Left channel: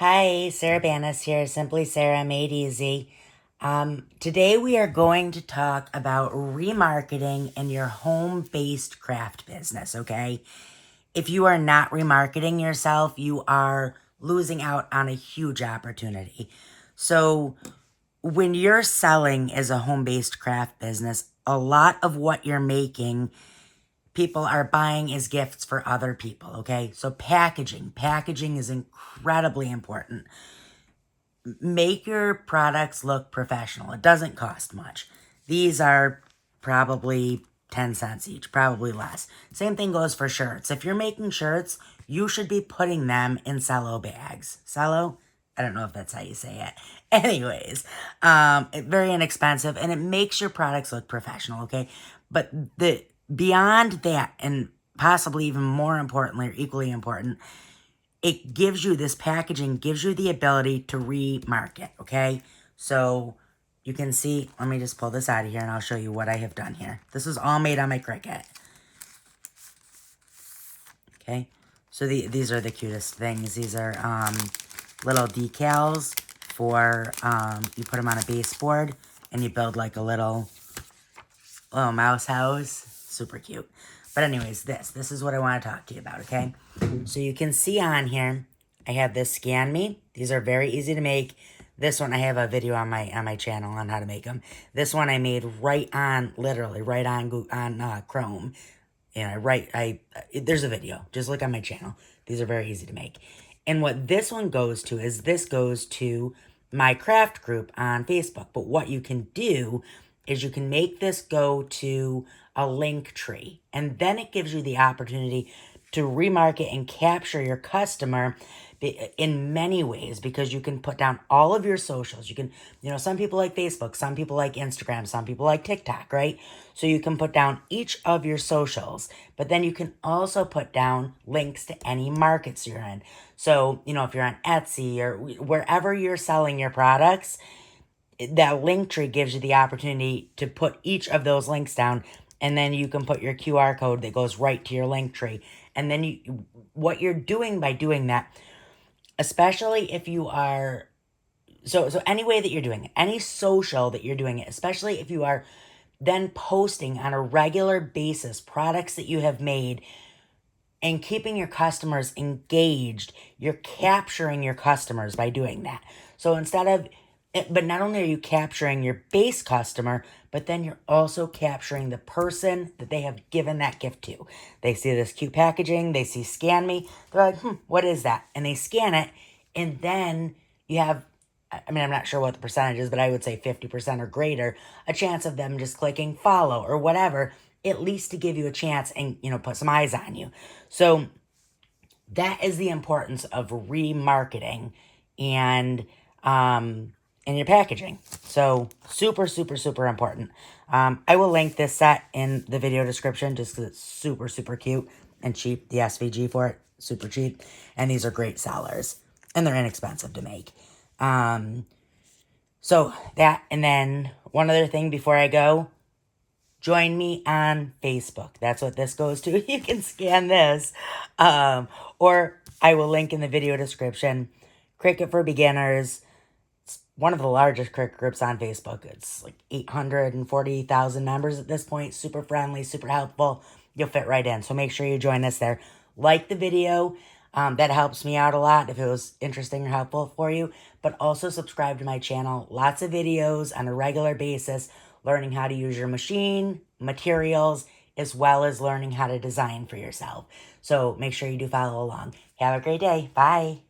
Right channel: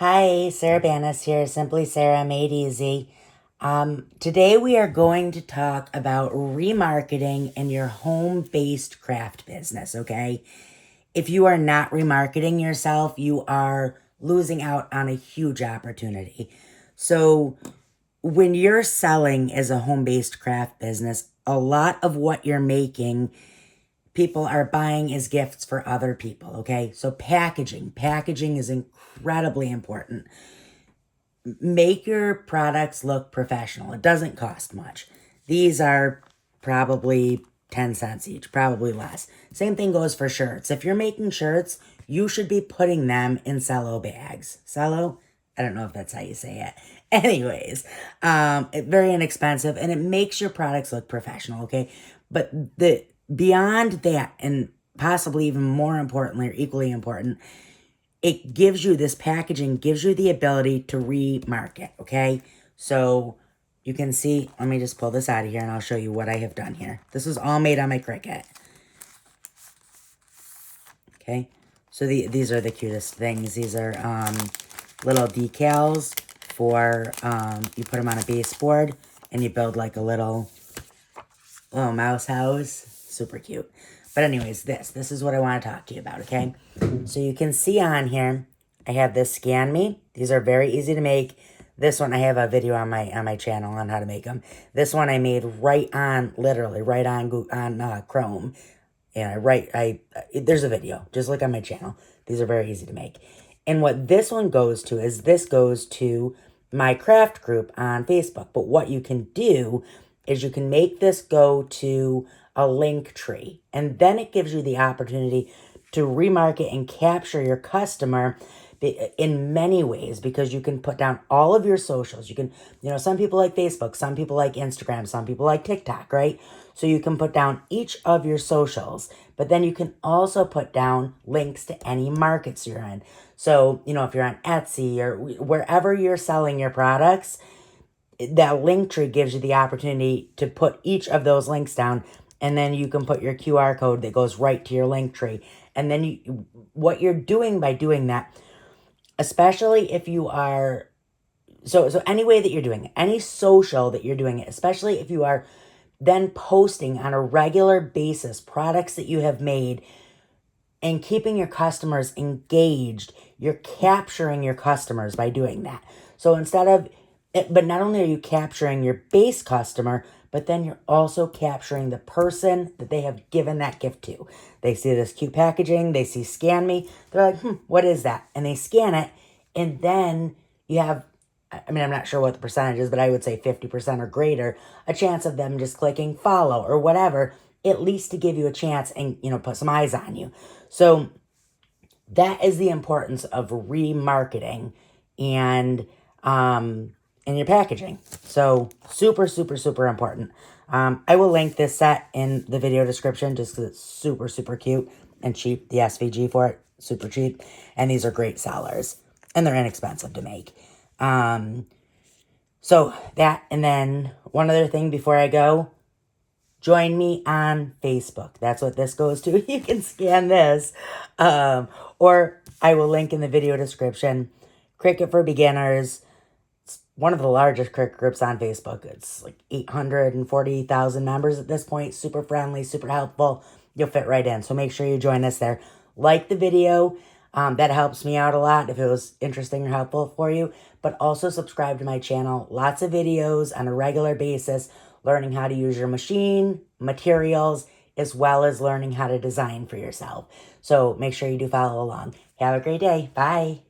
Hi, Sarah Banas here, Simply Sarah Made Easy. Today we are going to talk about remarketing in your home-based craft business, okay? If you are not remarketing yourself, you are losing out on a huge opportunity. So when you're selling as a home-based craft business, a lot of what you're making people are buying as gifts for other people, okay? So packaging is incredibly important. Make your products look professional. It doesn't cost much. These are probably 10 cents each, probably less. Same thing goes for shirts. If you're making shirts, you should be putting them in cello bags. Cello? I don't know if that's how you say it. Anyways, very inexpensive and it makes your products look professional, okay? But beyond that, and possibly even more importantly or equally important, it gives you, this packaging gives you the ability to remarket, okay? So you can see, let me just pull this out of here and I'll show you what I have done here. This is all made on my Cricut. Okay, so these are the cutest things. These are little decals for, you put them on a baseboard and you build like a little mouse house. Super cute. But anyways, this is what I want to talk to you about, okay? So you can see on here, I have this Scan Me. These are very easy to make. This one, I have a video on my channel on how to make them. This one I made literally right on Chrome. And there's a video. Just look on my channel. These are very easy to make. And what this one goes to is this goes to my craft group on Facebook. But what you can do is you can make this go to a link tree. And then it gives you the opportunity to remarket and capture your customer in many ways, because you can put down all of your socials. You can, some people like Facebook, some people like Instagram, some people like TikTok, right? So you can put down each of your socials, but then you can also put down links to any markets you're in. So, if you're on Etsy or wherever you're selling your products, that link tree gives you the opportunity to put each of those links down, and then you can put your QR code that goes right to your link tree. And then what you're doing by doing that, especially if you are, so any way that you're doing it, any social that you're doing it, especially if you are then posting on a regular basis products that you have made and keeping your customers engaged, you're capturing your customers by doing that. So but not only are you capturing your base customer, but then you're also capturing the person that they have given that gift to. They see this cute packaging, they see Scan Me, they're like, what is that? And they scan it, and then you have, I'm not sure what the percentage is, but I would say 50% or greater, a chance of them just clicking follow or whatever, at least to give you a chance and, put some eyes on you. So that is the importance of remarketing and your packaging. So super, super, super important. I will link this set in the video description just because it's super, super cute and cheap. The SVG for it, super cheap. And these are great sellers. And they're inexpensive to make. So that, and then one other thing before I go, join me on Facebook. That's what this goes to. You can scan this. Or I will link in the video description. Cricut for Beginners. It's one of the largest Cricut groups on Facebook. It's like 840,000 members at this point. Super friendly, super helpful. You'll fit right in. So make sure you join us there. Like the video. That helps me out a lot if it was interesting or helpful for you. But also subscribe to my channel. Lots of videos on a regular basis, learning how to use your machine, materials, as well as learning how to design for yourself. So make sure you do follow along. Have a great day. Bye.